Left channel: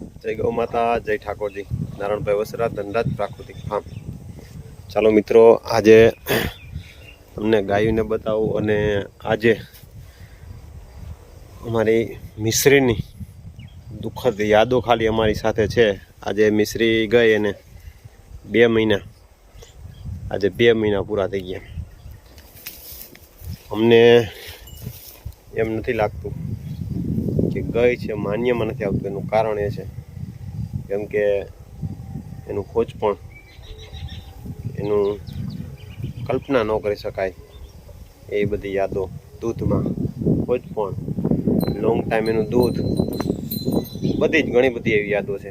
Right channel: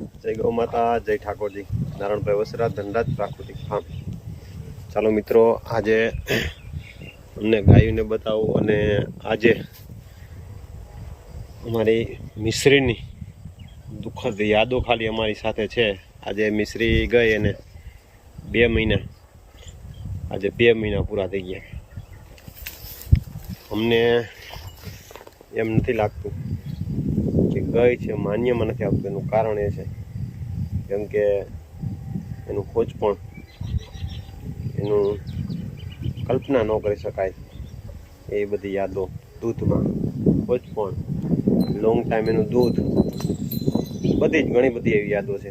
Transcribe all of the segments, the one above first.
જય ગૌ માતા, જય ઠાકોરજી, નારાયણભાઈ વસરા, ધનરાજ પ્રાકૃતિક ફાર્મ. ચાલો મિત્રો, આજે તમને ગાયોને બતાવું અને આજે અમારી મિશ્રીની દુઃખદ યાદો ખાલી અમારી સાથે છે. આજે મિશ્રી ગઈ અને 2 મહિના, આજે 2 મહિના પૂરા થઈ ગયા. અમને એમ નથી લાગતું કે ગઈ છે, માન્યમાં નથી આવતું. એનું કારણ એ છે કેમ કે એનું ખોજ પણ એનું કલ્પના ન કરી શકાય એ બધી યાદો. દૂધમાં ખોજ પણ, લોંગ ટાઈમ એનું દૂધ, બધી જ ઘણી બધી એવી યાદો છે.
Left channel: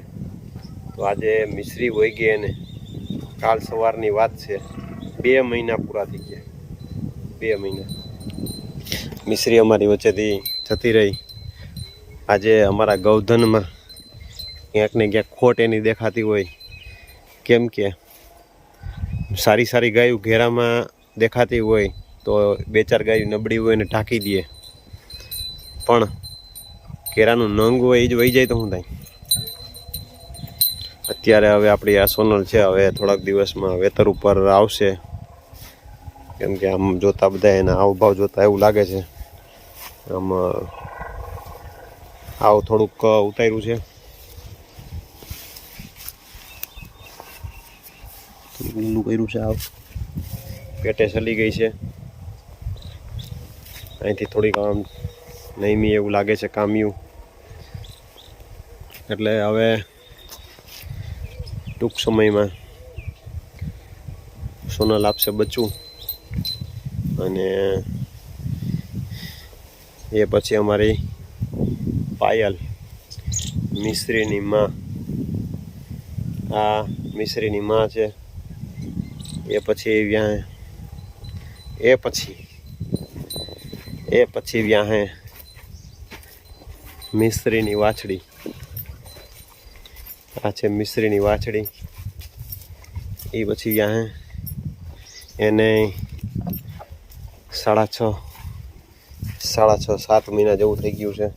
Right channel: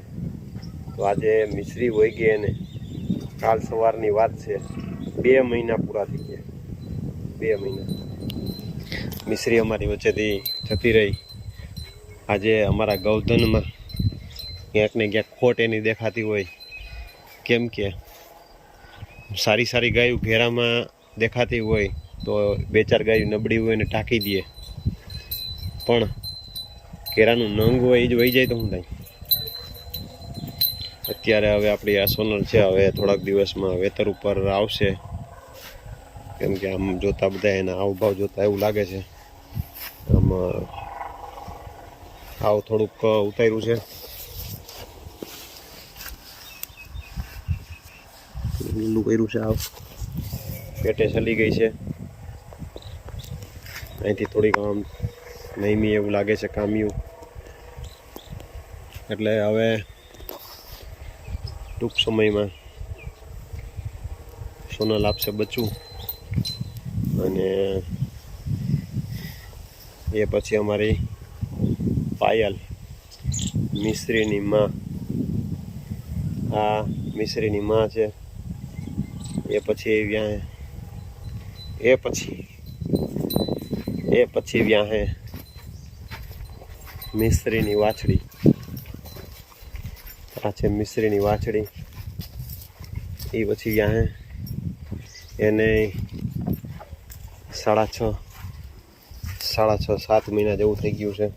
તો આજે મિશ્રી વહી ગઈ અને કાલ સવારની વાત છે, 2 મહિના પૂરા થઈ ગયા. 2 મહિના મિશ્રી અમારી વચ્ચેથી જતી રહી. આજે અમારા ગૌધનમાં ક્યાંક ને ક્યાંક ખોટ એની દેખાતી હોય. કેમ કે સારી સારી ગાયું ઘેરામાં દેખાતી હોય તો 2-4 ગાયું નબળી હોય ને ઢાંકી દે, પણ ઘેરાનું નંગ હોય એ જ વહી જાય તો શું થાય? અત્યારે હવે આપણી આ સોનલ છે, હવે થોડાક દિવસમાં વેતર ઉપર આવશે. કેમ કે આમ જોતા બધા એના હાવભાવ જોતા એવું લાગે છે આમ આવ થોડુંક ઉતાર્યું છે, લીલું કર્યું છે. આવ પેટે ચલી ગઈ છે. અહીંથી થોડીક આમ નહીમી એવું લાગે છે, કામ્યું. એટલે હવે ટૂંક સમયમાં સોનલ આપશે બચ્ચું અને એ પછી અમારી પાયલ મિશ્રીની માં, આ મિશ્રીની માં છે. એ પછી વ્યાહે મિશ્રીની વાછડી. આ છે મિશ્રીની વાછડી. એ પછી વ્યાહે એને 6.5-7 મહિના જેવું થઈ ગયું છે.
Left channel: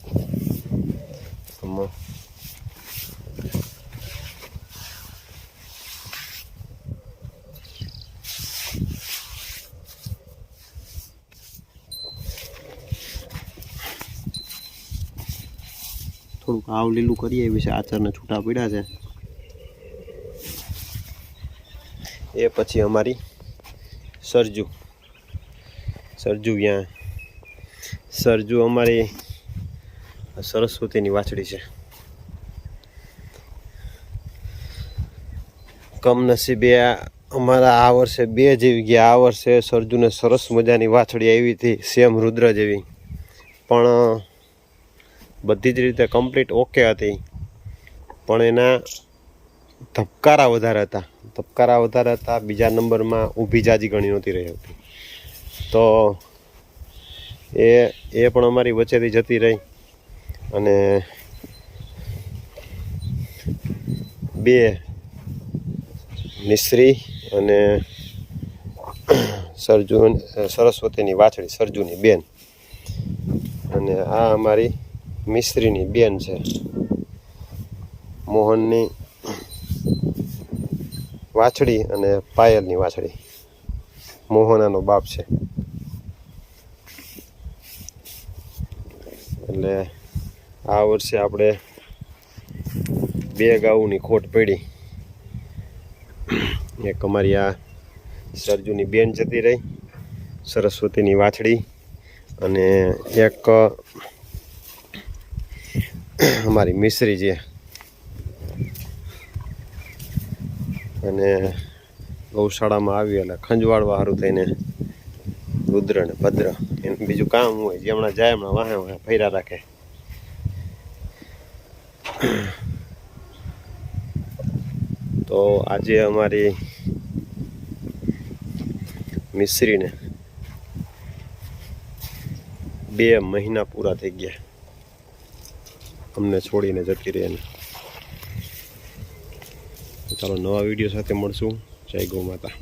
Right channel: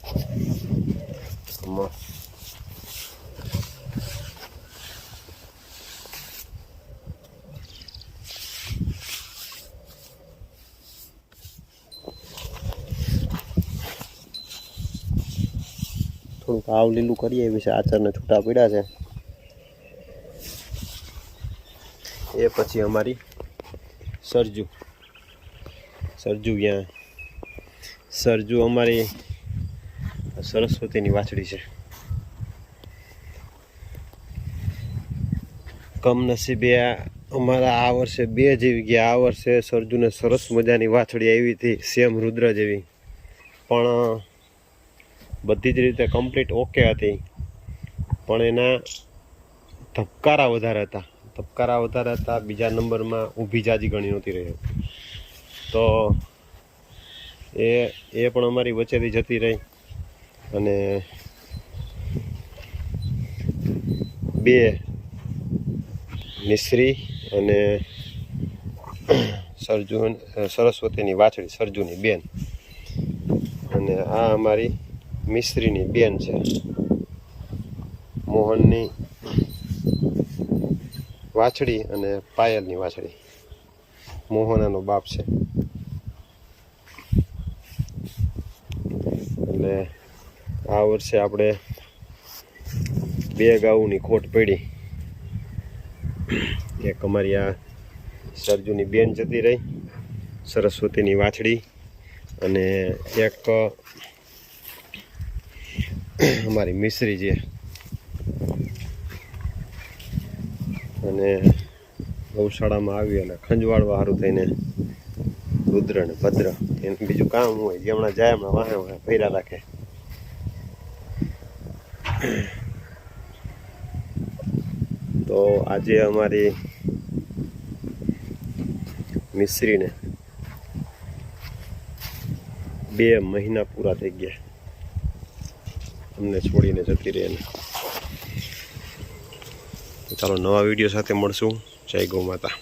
થોડુંક આવ લીલું કરીએ વિશે આચરને છૂટા પડ્યા છે. એ પછી અમારી સરજુ ત્યાં સરજુ અમારી સરસ્વતીની વાછડી છે. કમનસીબે અમારા આ વર્ષે 2 જેવી ગયા. આ વર્ષે સરજુને સરસ મજાની વાછડી આવી હતી, સેમ રુદ્ર જેવી, પણ બધી જ રીતે કમ્પ્લીટ ઓકે હતી. પણ એના ધબકારા વધારે હતા. બીજા નંબરમાં ઊભી જાજી ઘણી નહોતી રહી હતી. તો એ પણ અમારી વચ્ચેથી જતી રહી અને 2 મિશ્રી અને સરસ્વતીની વાછડી, સરજુની બેન. અને આ અમારી મિશ્રીની બેન છે, મોહનની વાછડી અને પાયલની વાછડી. મોહનાનો બાપ છે. એટલે આ વર્ષે આપણે 2 ગાઉની ખોટ પડી. એક અમારી આ સરજુની બેન જતી રહી, સરસ્વતીની વાછડી, અને એક અમારી મિશ્રી છે. અને ગૌશાળામાં આવી એટલે ખંજવાળવા સારું થઈને રુદ્ર ને ભદ્ર એમ બીજું કામ હોય, જેમણા જાય એમણા વાહે ફર્યા રાખે. તો આજે અમારી મિશ્રીને 2 મહિના પૂરા થઈ ગયા અમને છોડીને જતી રહી. ચાલો નવા વિડીયો સાથે મળશું. જય ગૌ માતા.